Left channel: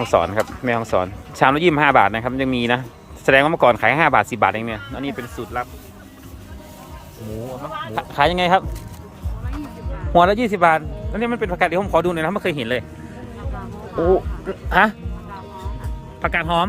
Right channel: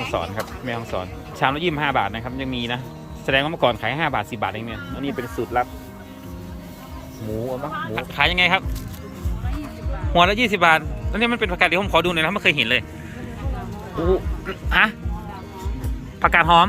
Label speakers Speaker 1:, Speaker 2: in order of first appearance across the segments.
Speaker 1: ห้องสอนครับแม่ห้องสอนชามละยี่สิบห้าบาทนะครับยังมีนะแสดงว่าเมื่อก่อนขายห้าบาทสิบาทเองเนี่ยอันนี้เป็นสูตรลับ
Speaker 2: หมูเอามั้งหมู
Speaker 1: ขายยังไงครับ หัวละยี่สิบาทแล้วนี่มันเป็นผักกาดเดี๋ยวผมขอดูหน่อยนะไม่เคยเห็นเลยโอ้ฮะผักกาดหอม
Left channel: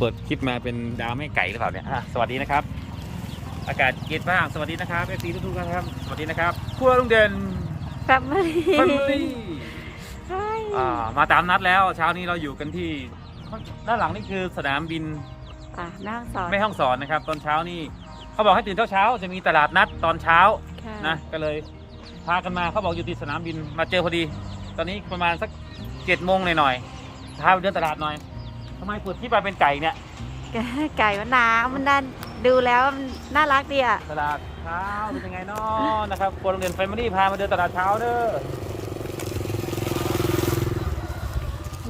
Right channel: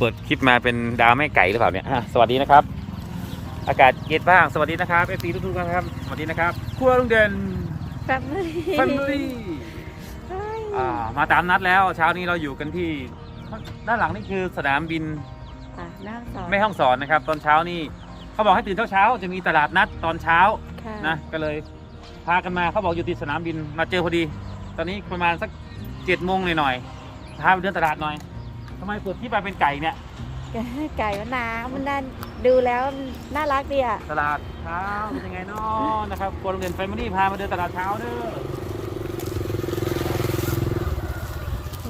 Speaker 2: เปิ
Speaker 1: ดคลิปมาเป็นดาวแม่ไก่หรือเปล่าเนี่ยอะสวัสดีนะครับ อากาศเย็นบ้าง สวัสดีนะครับเอฟซีทุกๆท่านครับ สวัสดีนะครับครัวลุงเด่น
Speaker 3: แฟมิลี่
Speaker 1: แฟมิลี่อ่ามาตามนัดแล้ว เช้านี้เราอยู่กันที่ด้านหลังนี่คือสนามบิน
Speaker 3: อะนั่งสอน
Speaker 1: แม่ห้องสอนนะครับ ตอนเช้านี่เขาบอกให้ตื่นเช้าๆจะมีตลาดนัดตอนเช้า
Speaker 3: ค่ะ
Speaker 1: นะก็เลยพากันมาเขาบอกอยู่ที่สนามบินมาเจอพอดี ตอนนี้ประมาณสักเจ็ดโมงหน่อยๆพาไปเดินตลาดหน่อย ทำไมเปิดที่มาเป็นไก่เนี่ย
Speaker 3: ไก่มันน้ำมันน่าดูแล้วมันน่ารักดีอะ
Speaker 1: ตลาดเช้าเป็นยังไงเนาะนะครับครัวโรงเรียนแฟมิลี่พามาเดินตลาดเช้าเด้อ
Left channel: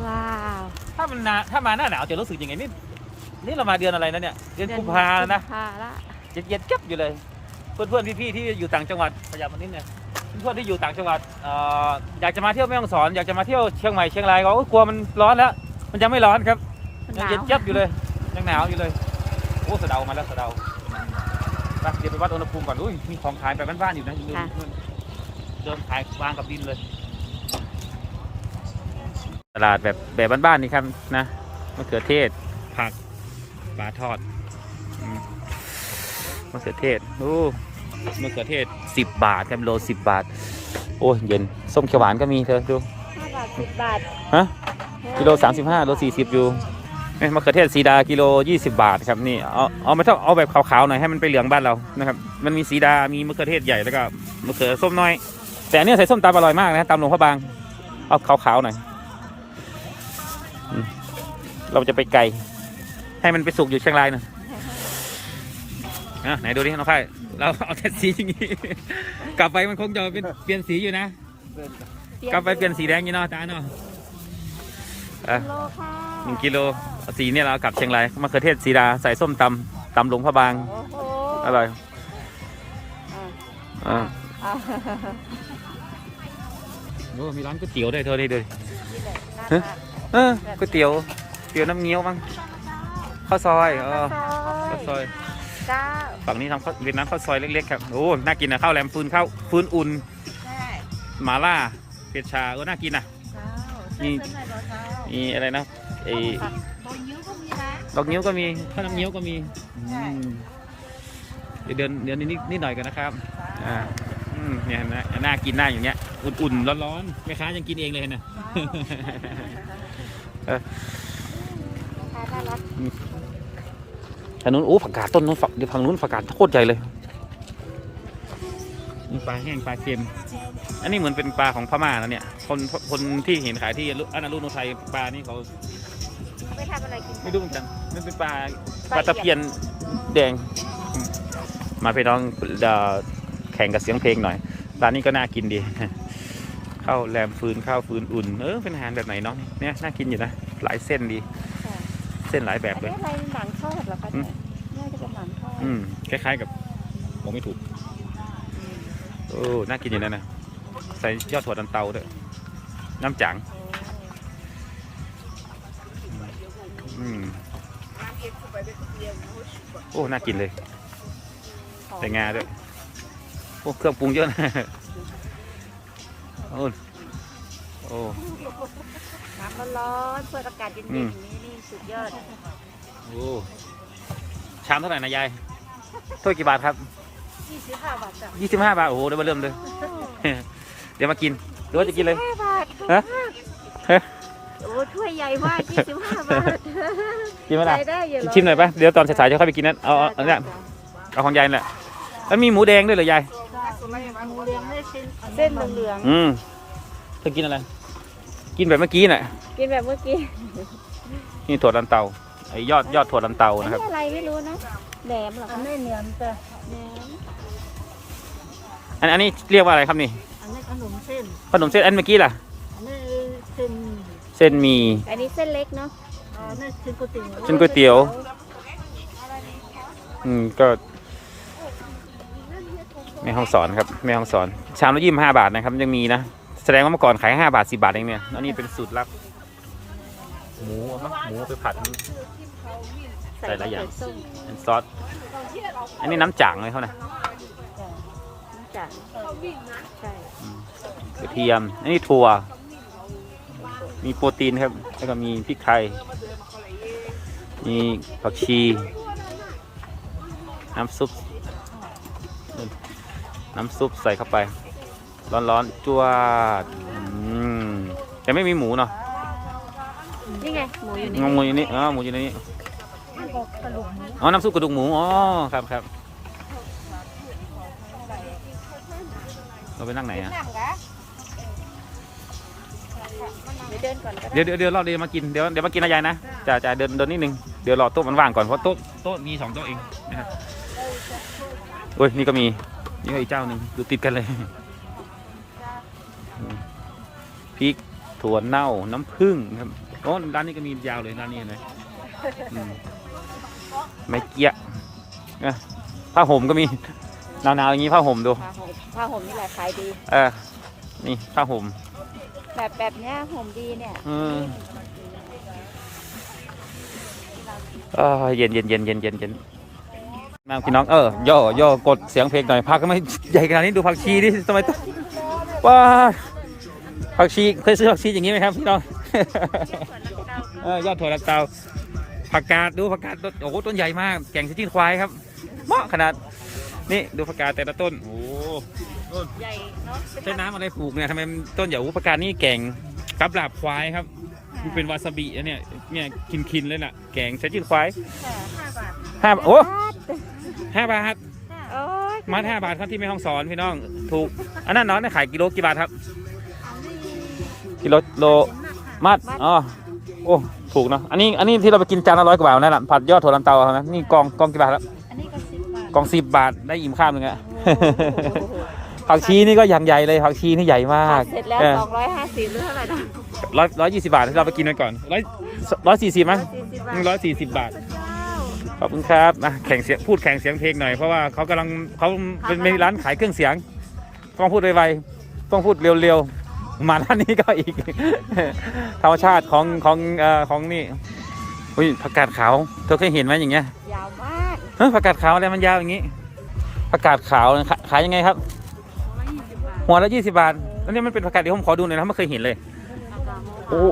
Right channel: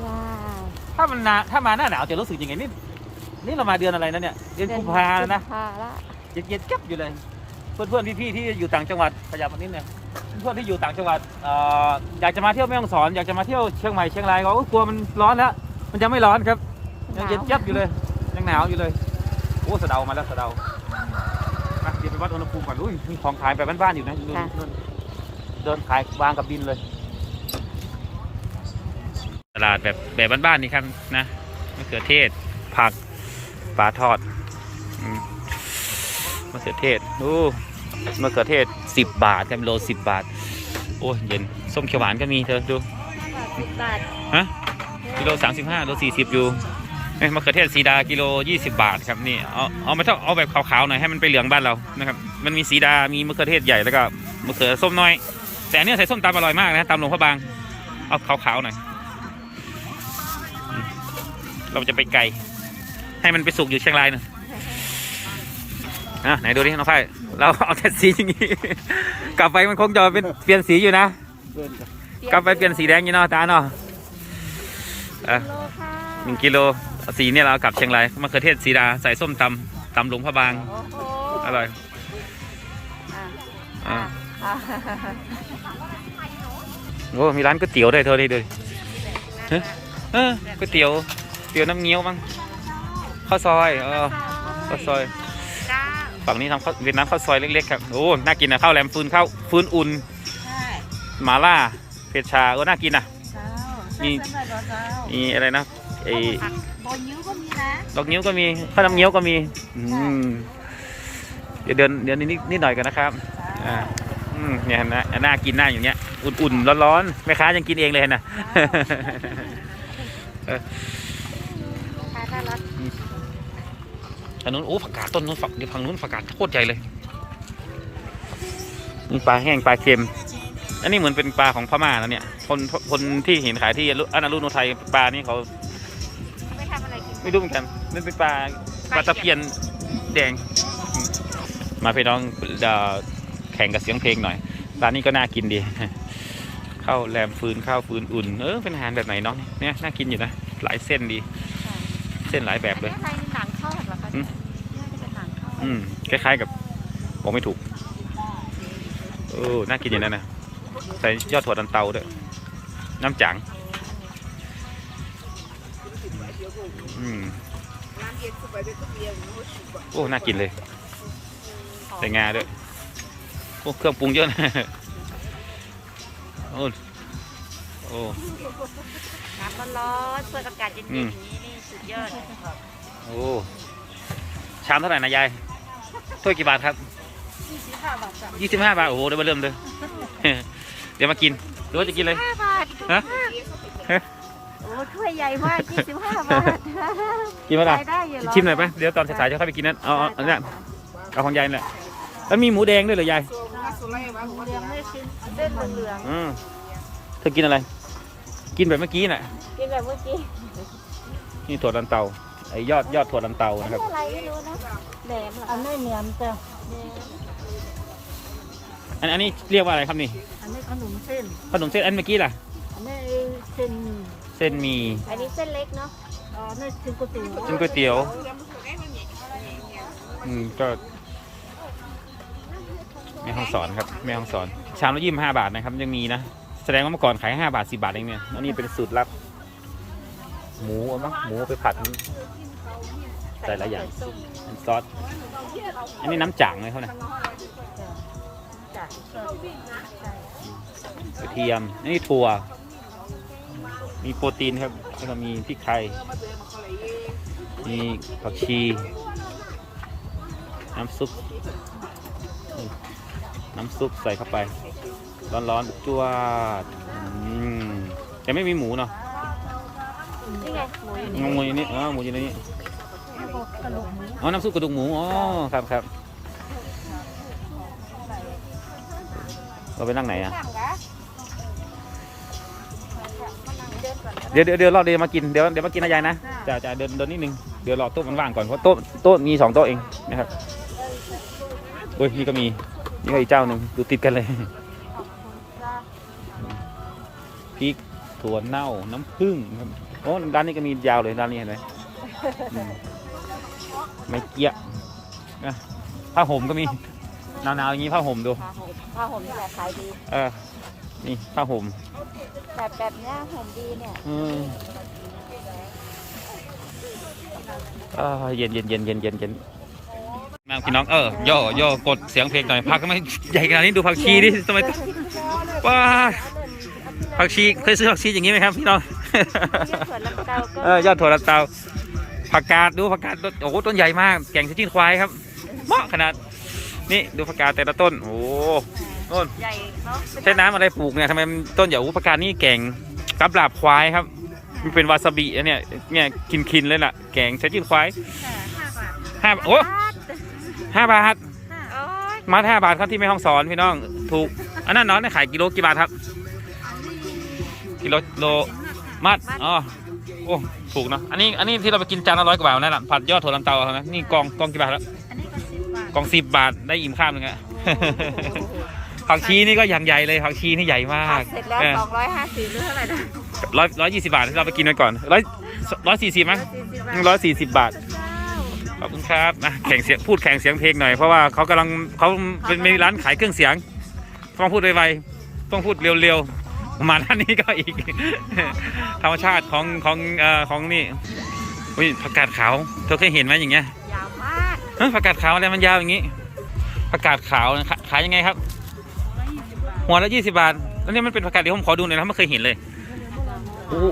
Speaker 3: ว้าว
Speaker 1: ถ้ามันหนาถ้ามาหน้าหนาวจะรู้สึกยังไงนี่นี่เรามาเดือนอะไรนะเนี่ย เดือนกุมภาแล้วนะ
Speaker 3: กุมภาละ
Speaker 1: เย็นๆเก็บอยู่เลย เพื่อนๆพี่ๆที่อยู่ต่างจังหวัดขยับมานิดเนี่ยเพื่อนๆที่อยู่ต่างจังหวัดเอ่ออยากจะมาเที่ยวแม่ฮ่องสอน อยากจะมาเที่ยวเชียงใหม่เชียงรายก็โอ้ยกลัวมันร้อนแล้ว มันยังไม่ร้อนครับ ยังเย็นเจี๊ยบอยู่เลย ยังหนาวอยู่เลย โอ้สะเดามาแล้วสะเดาไปเดี๋ยวไปวัดอุณหภูมิก่อนอุ้ยมีของขายแบบบ้านๆอยู่นะนู่นนู่นเดินขายวางกับดินเลย ตลาดแบบแบบบ้านๆนี่ครับนะมะเขือเทศ ผักปลาทอดอืมมะเขือเทศโอ้มะเขือเทศสิบบาทครับโลสิบบาท โอ้ยเย็นส้มเขียวหวานก็มีเธอดู
Speaker 3: ห้าบาทสิบบาท
Speaker 1: ฮะกิโลสามสิบห้าโลสี่สิบอยู่เอ้ย มะเขือเทศสีดากิโลยี่สิบาทครับนี่เอาเอาไม่ต้องเอาแบบขาวๆหน่อยให้มันไปเหลืองบ้านเรานะครับมันมีสีดา มีมะเขือเทศใหญ่แล้วก็มะเขือส้มน้อย แต่อันเนี้ยใส่ส้มตำอร่อยมากนะตำหลวงพระบางเอาขาวๆหน่อยเราจะไปไกลให้มันไปสุกอยู่เชียงรายหน่อยอะไหนดูดิน้องไพ่เราเอาแต่สีอย่างงี้กลับไปมันคงจะเป็นเปลี่ยนสีอยู่นะกลับไปเปลี่ยนสีแดงอยู่เนาะตาเนาะอะหนึ่งกิโล สีเนี่ยเราเอากลับเชียงรายมะเขือเทศสีดาใส่ส้มตำตำหลวงพระบาง
Speaker 3: โอ้โห
Speaker 1: อร่อย
Speaker 3: อะ
Speaker 1: อ่า
Speaker 3: อะ
Speaker 1: โอ้มีร้านก๋วยเตี๋ยวด้วยเธอนี่ดูดิฮะเออก๋วยเตี๋ยวเตี๋ยวน้ำเงี้ยวมั้งข้าวซอยเออข้าวซอย
Speaker 3: เก้า
Speaker 1: ฝั่งนี้ทำข้าวเวียดนามข้าวซอยเล็กๆครับโอ้น่ากินนะข้าวแหลมฟืนข้าวฟืนอุ่น
Speaker 3: ใช่
Speaker 1: หมาล่าเผ็ดชาโอ้น่ากินนะ
Speaker 3: เก้า
Speaker 1: มี
Speaker 3: ใส่เส้นหน่อยเก้า
Speaker 1: มีอะไรนะ ไอ้
Speaker 3: โบนิ้วก็มีนะ
Speaker 1: ดอกนิ้วก็มีข้าวน้ำเงี้ยวก็มีอืมเดี๋ยวเดินเดินนิดนิดหน่อยกันนะครับอ่าอืมเนี่ยนะน่ากินหน้าอย่างเงี้ยอุ่นๆร้อนๆแม่ค้ายังกินเองเลยนะ
Speaker 3: น่ารัก
Speaker 1: อันนู้นโอ้ผักกาดต้นนู้นฝักเดี๋ยวฝั่งนู้นผักกาดโคตรใหญ่เลยนี่ปลาแห้งปลาเค็ม อันนี้เหมือนเป็นปลาของพม่าแล้วเนี่ย คนคนที่เห็นขายที่อนารุโนไทยปลานี่เขา
Speaker 3: เขา ไปทำอะไรกิน
Speaker 1: ไม่รู้เหมือนกันมันเป็นปลาปลาตะเพียนแดงอืมมาพี่น้องเอ่อแข่งกับเสียงเพลงหน่อยร้านนี้ก็น่ากินดีข้าวแรมฟืนข้าวฟืนอุ่นเออเป็นอาหารแบบไหนเน้องเนี่ยน่ากินอยู่นะหลายเส้นดี เส้นหลายแบบเลย
Speaker 3: อันนี้อะไรหนังทอดเหรอคะ
Speaker 1: อืม
Speaker 3: เนี่ยน่าจะเป็นหนังทอด
Speaker 1: อืมคล้ายๆกับบอกไม่ถูกโอ้น่ากินอย่างนั้นนะใส่ยอดถั่วดันเตาด้วยน้ำจัง อืมโอ้น่ากินเลยใส่งาด้วยโอ้เครื่องปรุงเยอะนะโอ้โอ้
Speaker 3: น้ำมันร้อนเปิดอากาศเย็นๆ
Speaker 1: อื
Speaker 3: อ
Speaker 1: ม
Speaker 3: ย่างนี้นี่สุดยอด
Speaker 1: โอ้ชามเท่าไหร่นะยายถ้วยกี่บาทครับ
Speaker 3: ยี่สิบห้าบาทจ้ะ
Speaker 1: ยี่สิบห้าบาทโอ้โหเดี๋ยวมาเริ่มเลยเดี๋ยวมากินหรือว่าจะกินเลย
Speaker 3: ห้าบาท
Speaker 1: ฮะฮะ
Speaker 3: โอ้ถ้วยใหญ่มากยี่สิบห้าบาท
Speaker 1: กินไหมล่ะ
Speaker 3: ใช้ได้อยู่หรอ
Speaker 1: ชิมหน่อยปะเดี๋ยวตอนสายๆจะค่อยไปกินนั้นเอาเอาเอาเนี่ยเอาของยายนี่แหละแล้วมีหมูแดงด้วยเหรอยาย
Speaker 3: หมูเลี้ยงไม่เส้นเส้นเหลือง
Speaker 1: อืมเธอกินอะไร กินแบบเมื่อกี้น่ะ
Speaker 3: ๆกินแบบเมื่อกี้
Speaker 1: นี่ถั่วลันเตาไอ้ยอดยอดถั่วลันเตานะครับ
Speaker 3: อะไรไม่รู้นะแหนมเหรอ
Speaker 4: อันนี้เหนียมจ้ะ
Speaker 3: แหนม
Speaker 1: อันอันนี้เรียกว่าอะไรครับนี่
Speaker 4: อันนี้ขนมเส้น
Speaker 1: ขนมเส้นอันเมื่อกี้ล่ะ
Speaker 4: อันนี้เส้น
Speaker 1: เส้นหมี
Speaker 3: อันนี้เส้นเล็กเนาะ
Speaker 4: อันนี้เส้นก๋วยเตี๋ยว
Speaker 1: เส้นก๋วยเตี๋ยว อืมก็แม่ห้องสอนครับแม่ห้องสอน ชามละยี่สิบห้าบาทนะครับยังมีนะ แสดงว่าเมื่อก่อนขายห้าบาทสิบาทเองเนี่ยอันนี้เป็นสูตรลับ หมูเอามั้งหมูไปผัด ใส่หลายอย่างเป็นซอส อันนี้น้ำจ่างเลยเขานะ
Speaker 3: จ้ะใช่
Speaker 1: กระเทียมอันนี้ถั่ว มีโปรตีนครับ แล้วก็มีพริกไทย มีผักชี น้ำซุป น้ำซุปใส่เข้าไป ร้อนๆจวดอืมแต่ไม่มีหมูเนาะ
Speaker 3: นี่ไง
Speaker 1: งหมูอยู่นี่อ๋อหมูอยู่ในนี้
Speaker 4: แล้วก็กระดูกหมู
Speaker 1: อ๋อ น้ำซุปกระดูกหมู อ๋อ ครับครับ เราไปนั่งไหนอะ
Speaker 3: เดินก่อนก็ได้
Speaker 1: เดี๋ยวเดี๋ยวเดี๋ยวรอเดี๋ยวมากินเดี๋ยวเดี๋ยวมากินนะยายนะจ่าจ่าเดินเดินนิดนึงเดี๋ยวรอโต๊ะมันว่างก่อนเพราะโต๊ะโต๊ะมีสองโต๊ะเองนะครับโอ้ยนี่ก็มีนี่ก็อีกเจ้าหนึ่งอยู่ติดกันเลยอืมพริกถั่วเน่าน้ำผึ้งครับโอ้ร้านนี้ก็มียาวเลยร้านนี้เห็นไหมอืมไม่เกี้ยนะผ้าห่มก็มีหนาวๆอย่างนี้ผ้าห่มดู
Speaker 3: ผ้าห่มนี่แหละขายดี
Speaker 1: เออนี่ผ้าห่ม
Speaker 3: แบบแบบเนี้ยห่มดีเนี่ย
Speaker 1: อืมอ๋อเย็นเย็นเย็นเย็นเย็นเย็นมาพี่น้องเออย่อย่อกดเสียงเพลงหน่อยพักก็ไม่ใหญ่ขนาดนี้ดูผักชีดิทำไมต้องว้าผักชีเคยซื้อผักชีอย่างนี้ไหมครับพี่น้อง
Speaker 3: ส่วนลำเตาก็
Speaker 1: เออยอดถั่วลันเตาผักกาดดูผักกาดต้นโอ้โหต้นใหญ่มากแก่งชิ้นควายครับเหมาะขนาด นี่ดูผักกาดแต่ละต้น โอ้โหโน่น
Speaker 3: ใหญ่เนาะ
Speaker 1: ใช้น้ำอะไรปลูกเนี่ยทำไมมันต้นใหญ่อุปการนี่แก่งกับลาบควายครับ มันเป็นวาซาบิอะเนี่ยเนี่ยกินคินเลยล่ะ แกงใช้จิ้นควาย
Speaker 3: ห้าบาท
Speaker 1: ห้าโอ้ห้าบาท
Speaker 3: โอ้ย
Speaker 1: มัดห้าบาทครับที่แม่ห้องสอนพี่น้องถูกอันนั้นเน้อยขายกิโลกี่บาทครับ
Speaker 3: อันนี้
Speaker 1: กิโลโล
Speaker 3: เป็นมากค่ะ
Speaker 1: มัดอ๋อโอ้ถูกเนอะอันนี้อันนี้ที่เราไปกินจานละร้อยกว่าบาทนั่นแหละผัดยอดถั่วลันเตาครับนะนี่กองกองกี่บาทครับ
Speaker 3: อันนี้ก็ สิบบาท
Speaker 1: กองสิบบาทได้อิ่มข้ามหนึ่งอะ ผักชีนี่ก็อย่างใหญ่เลยผักชีนี่ใหญ่มาก
Speaker 3: เสร็จแล้ว
Speaker 1: เออ
Speaker 3: สองร้อยห้าสิบหรือเท่าไหร่นะ
Speaker 1: ร้อยร้อยยี่สิบาทที่เราไปกินไปก่อนร้อยร้อยสี่สิบมั้ง
Speaker 3: สี่สิบบาท
Speaker 1: ร้อยสี่สิบบาท
Speaker 3: เจ้า
Speaker 1: ขอบคุณครับนะแข่งเสียงพูดแข่งเสียงเพลงหน่อยเพราะว่าเขากำลังเขาเป็นมีร้านขายเครื่องเสียงต้องพูดไวๆต้องพูดเร็วๆมาด้านนี้ก็อีก ธรรมชาติของของเอ่อของนี่อุ้ยผักกาดขาวเธอเคยเห็นไหมอย่างเงี้ย
Speaker 3: ยาวมาก
Speaker 1: เฮ้ยผักกาดขาวอะไรมันยาวอย่างงี้ผักกาดขาวขาขายยังไงครับ หัวละยี่สิบบาท แล้วนี่มันเป็นผักกาดเดี๋ยวผมขอดูหน่อยนะไม่เคยเห็นเลยโอ้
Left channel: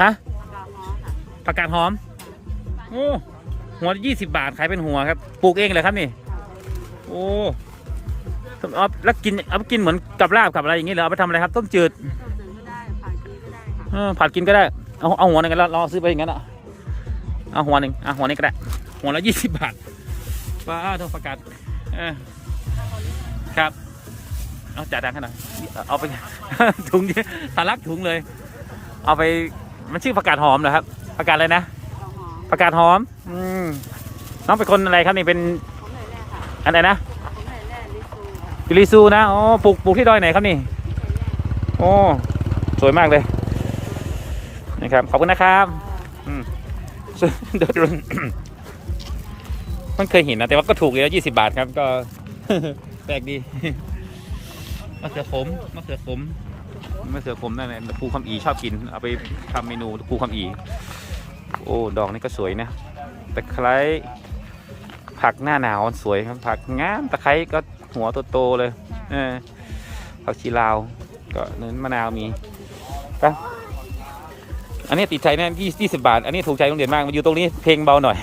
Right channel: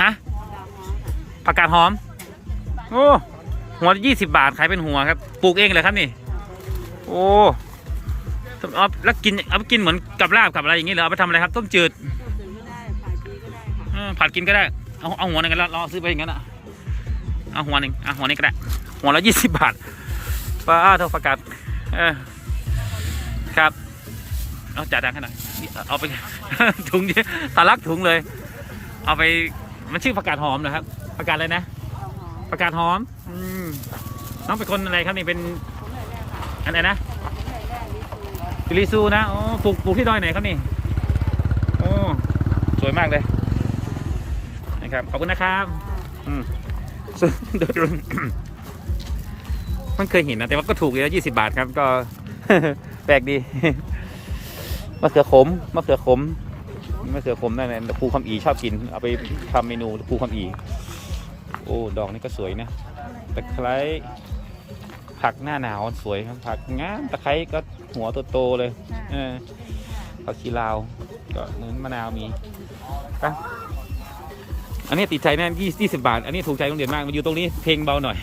Speaker 1: ฮะผักกาดหอมโอ้หัวยี่สิบบาทขายเป็นหัวครับปลูกเองเลยครับนี่ โอ้เอาแล้วกินเอาไปกินเหมือนกับลาบกับอะไรอย่างงี้เหรอเอาไปทำอะไรครับ ต้มจืดเออผัดกินก็ได้เอาเอาหัวหนึงกันแล้วลองซื้อไปอย่างนั้นอะเอาหัวหนึ่งเอาหัวนี้ก็ได้หัวละยี่สิบบาท ป้าเท่าประกาศครับ เอาจ่ายตังค์ให้หน่อยเอาไปถุงเดียวทะลักถุงเลย เอาไปมันชื่อผักกาดหอมเหรอครับผักกาดอะไรนะผักกาดหอม อืมน้องเป็นคนอะไรครับนี่เป็น
Speaker 3: ผมเหนื่อยแน่ค่ะ
Speaker 1: อะไรนะ
Speaker 3: ผมเหนื่อยแน่ลิซู
Speaker 1: กิริซูนะอ๋อปลูกปลูกที่ดอยไหนครับนี่โอ้สวยมากเลยนี่ครับขอบคุณนะครับอืมซึ่งโดยรว มมันเคยเห็นนะ แต่ว่าก็ถูกเลยยี่สิบาทครับ ก็แปลกดีมะเขือขมมะเขือขมมะเขือขมนั่นแหละครูคำอีชอบกิน เอาไปทำเมนูครูคำอีโอ้ดอกนี่ก็สวยนะตะไคร้ผักหน้าหนาวสวยครับผักงามตะไคร้ก็หัวโตๆเลยเออผักชีลาวก็เน้นมะนาวมีครับอันนี้ติดใจแน่ยี่ยี่สิบบาท อันนี้ถูกใจโรงเรียนมากมาอยู่ตรงนี้เพลงเบาหน่อย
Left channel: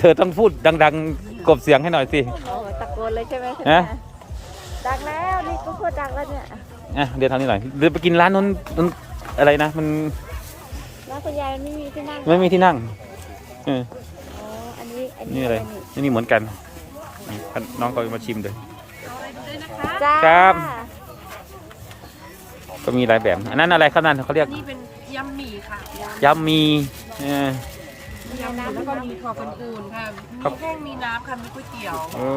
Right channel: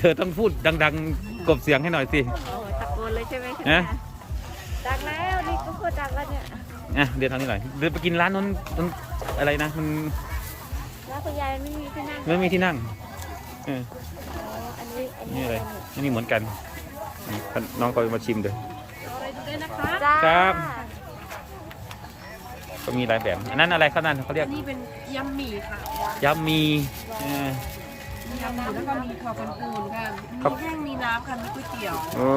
Speaker 1: เธอต้องพูดดัง ๆ กบเสียงให้หน่อยสิ
Speaker 3: โอ้โหตะโกนเลยใช่ไหม
Speaker 1: ฮะ
Speaker 3: ดังแล้วนี่ก็พูดดังแล้วเนี่ย
Speaker 1: อะเดินทางนี้หน่อยเดินไปกินร้านนู้นนู้นอะไรนะ มัน
Speaker 3: น้าคุณยายไม่มีที่นั่ง
Speaker 1: ไม่มีที่นั่งเออ
Speaker 3: อันนี้อั
Speaker 1: นี่อะไรนี่นี่เหมือนกันอืมน้องก็มาชิมเลย
Speaker 3: จ้า
Speaker 1: ครับ ก็มีหลายแบบอันนั้นอะไรครับนั่นเขาเรียก
Speaker 4: อันนี้เป็นยำหมี่ค่ะ
Speaker 1: ยำมีเออ ยำ
Speaker 4: หมี่แล้วก็มีถั่วเป็นอูนค่ะ
Speaker 1: ครับ
Speaker 4: มีแห้งมีน้ำค่ะ มีก๋วยเตี๋ยว
Speaker 1: โอ้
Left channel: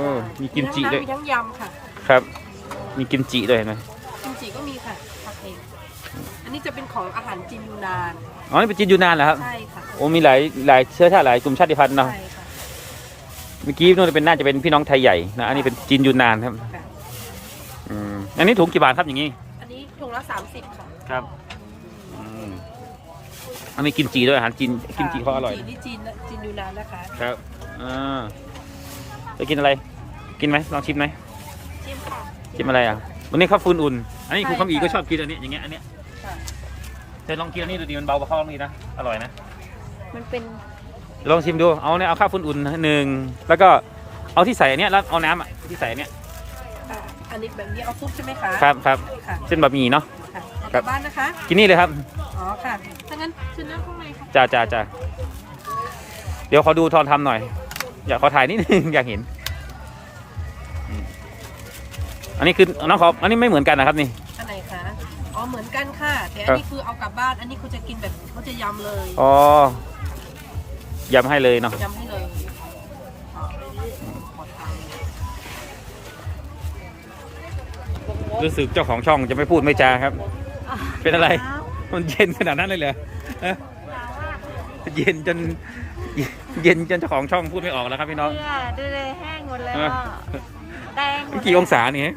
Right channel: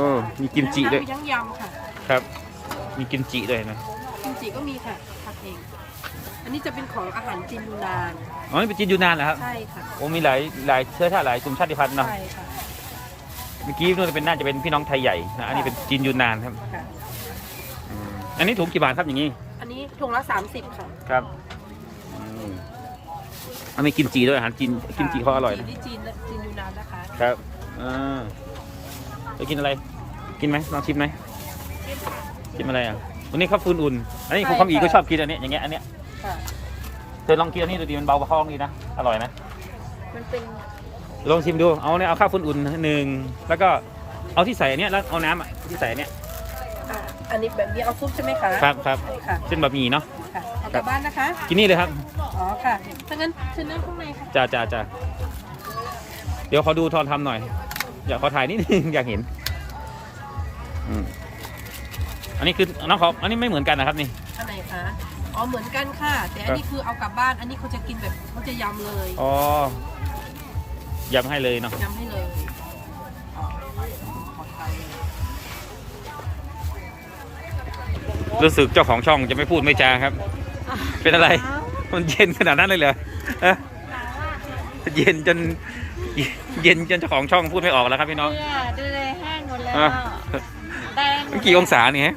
Speaker 1: มีกิมจิด้วย
Speaker 4: มีทั้งยำค่ะ
Speaker 1: ครับ มีกิมจิด้วยนะ
Speaker 4: กิมจิก็มีค่ะทำเอง อันนี้จะเป็นของอาหารจีนยูนาน
Speaker 1: อ๋อนี่เป็นจีนยูนานเหรอครับ
Speaker 4: ใช่ค่ะ
Speaker 1: โอ้มีหลายหลายเชื้อชาติหลายกลุ่มชาติพันธุ์เนาะ
Speaker 4: ใช่ค่ะ
Speaker 1: เมื่อกี้นู่นเป็นน่าจะเป็นพี่น้องไทยใหญ่นะอันนี้เป็นจีนยูนานครับ
Speaker 4: ค่ะ
Speaker 1: อืมอันนี้ถุงกี่บาทครับอย่างนี้
Speaker 4: อันนี้ถุงละ 30 ค่ะ
Speaker 1: ครับอืม อันนี้กิมจิด้วยอาหารจีนกิมจิเขาอร่อยนะ
Speaker 4: ที่จีนจีนยูนานนะคะ
Speaker 1: ครับอ่าจะกินอะไร กินไหมลองชิมไหมชิมอะไรอะวันนี้ข้าวฟืนอุ่น อันนี้คุณคำอีก็ชอบกินอันนี้อย่างเงี้ยอันเนี้ย
Speaker 4: ค่ะ
Speaker 1: เธอลองกินอันนี้ดูดิมันเบาประคองดีนะอร่อยนะ
Speaker 4: มันเป็น
Speaker 1: ลองชิมดูเอาเนี่ยเอาข้าวฟืนอุ่นหนึ่งแล้วก็เอาที่ใส่อันเนี้ยแล้วเอาน้ำอะที่ใส่อันเนี้ย
Speaker 4: อ่าอันนี้แบบนี้เอาซุปใช่ไหมคะ
Speaker 1: ครับครับ
Speaker 4: อันนี้ค่ะ
Speaker 1: เส้นบะหมี่เนาะ
Speaker 4: ค่ะเอากลับบ้านนะคะ
Speaker 1: กินนี่เลยครับ
Speaker 4: อ๋อค่ะถ้างั้นเชิญนั่งข้างในค่ะ
Speaker 1: จ้าจ้าจ้าเดี๋ยวขอดูทอนทำหน่อย อยากขอถ่ายนิดนึง อยากเห็นอืมอันนี้คือน้องขออันนี้ไม่เหมือนกันนะครับนี่
Speaker 4: อันไหนคะ อ๋อเหมือนกันค่ะ แต่อันนี้คือเอากลับบ้าน อันนี้เขาจะกินแบบเขาจะยำเลย
Speaker 1: อ๋อยำให้เลยเนาะ
Speaker 4: ยำให้เลย
Speaker 1: รู้สึกเจ้าของช่องจะไม่พูดไม่จาครับ เป็นอะไร
Speaker 3: หนาว
Speaker 1: มันเย็นขนาดนั้นเลยเหรอฮะ
Speaker 3: หนาวอะ
Speaker 1: เย็นจนเย็นจนเจ้าของช่องพูดไม่ออกแล้วครับพี่น้อง
Speaker 3: เนี่ยดูเลยแห้งหมดแล้ว
Speaker 1: อะ
Speaker 3: แดงหม
Speaker 1: มัน
Speaker 3: ด
Speaker 1: กี่องศาเนี่ย